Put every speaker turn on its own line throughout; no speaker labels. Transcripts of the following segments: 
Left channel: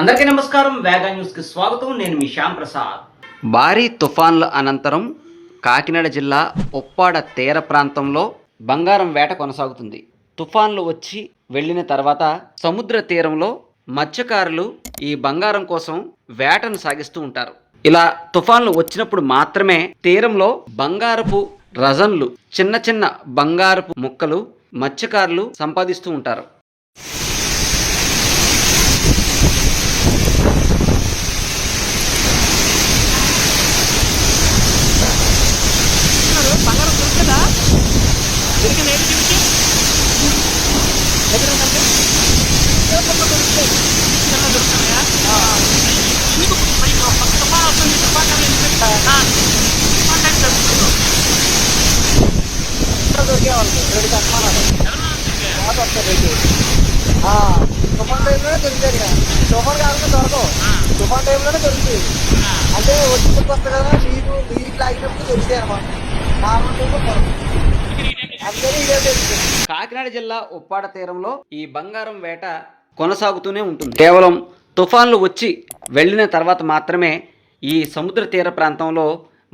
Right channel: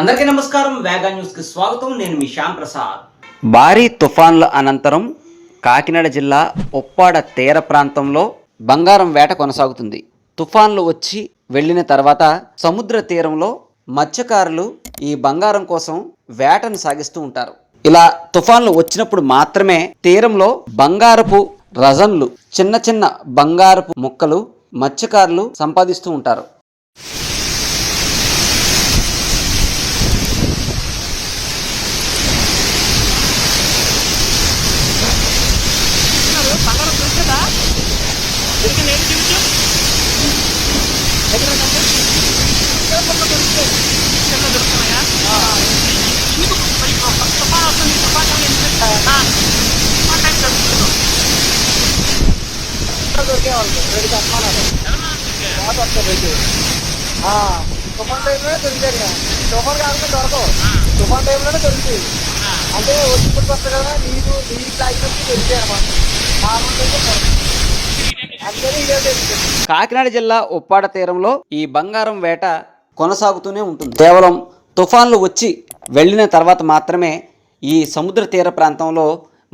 అందరికీ నమస్కారం. వేగా న్యూస్కి స్వాగతం. నేను మీ శ్యామ్ ప్రసాద్.
భారీ తుఫాన్ల అనంతరం కాకినాడ జిల్లా ఉప్పాడ తీర ప్రాంతంలో బంగారం వేట కొనసాగుతుంది. తుఫాన్లు వచ్చి వెళ్ళిన తర్వాత సముద్ర తీరంలో మత్స్యకారులు ఈ బంగారం కోసం వేటను సాగిస్తూ ఉంటారు. ఇలా తుఫాన్లు వచ్చినప్పుడు మాత్రమే తీరంలో బంగారపు రజన్లు చిన్న చిన్న బంగారపు ముక్కలు మత్స్యకారులు సంపాదిస్తూ ఉంటారు
బంగారం దొరికిందా దొరికింది ఏంటి చూపించు దగ్గర? చిన్న దొరుకుతున్నాయా? ఎందుకు? తుఫాన్ వస్తుంది తుఫాన్ టైంలో ఎందుకు? తుఫాన్ టైం జరుగుతుంది
దొరికేవాళ్ళు రెండు కస్మానాలు బాగా వస్తారు రెండు. తుఫాన్ టైంలోనే దొరికాడు ఇక. తుఫాన్ కాకుండా దొరకవు. తుఫాన్ టైంలోనే దొరుకుతాయి. అంటే వచ్చినప్పుడు వస్తుంది కదా నీరు నీరు తాగినప్పుడు దొరికాయి అనమాట నార్మల్ టైంలో దొరుకుతుంది
కాకినాడ జిల్లా ఉప్పాడ తీరంలో ఈ బంగారం వేట కొనసాగుతూనే ఉంటుంది. కేవలం తుఫాన్లు వచ్చి వెళ్ళిన తర్వాత మాత్రమే ఈ సముద్ర తీర ప్రాంతంలో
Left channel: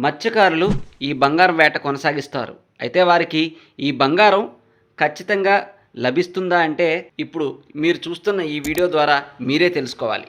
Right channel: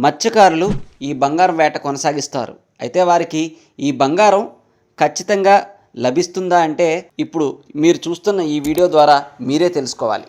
మత్స్యకారులు ఈ బంగారం వేట కొనసాగిస్తారు. అయితే వారికి ఈ బంగారం ఖచ్చితంగా లభిస్తుందా అంటే ఇప్పుడు మీరు చూస్తున్న ఈ వీడియో ద్వారా మీరే తెలుసుకోవాలి.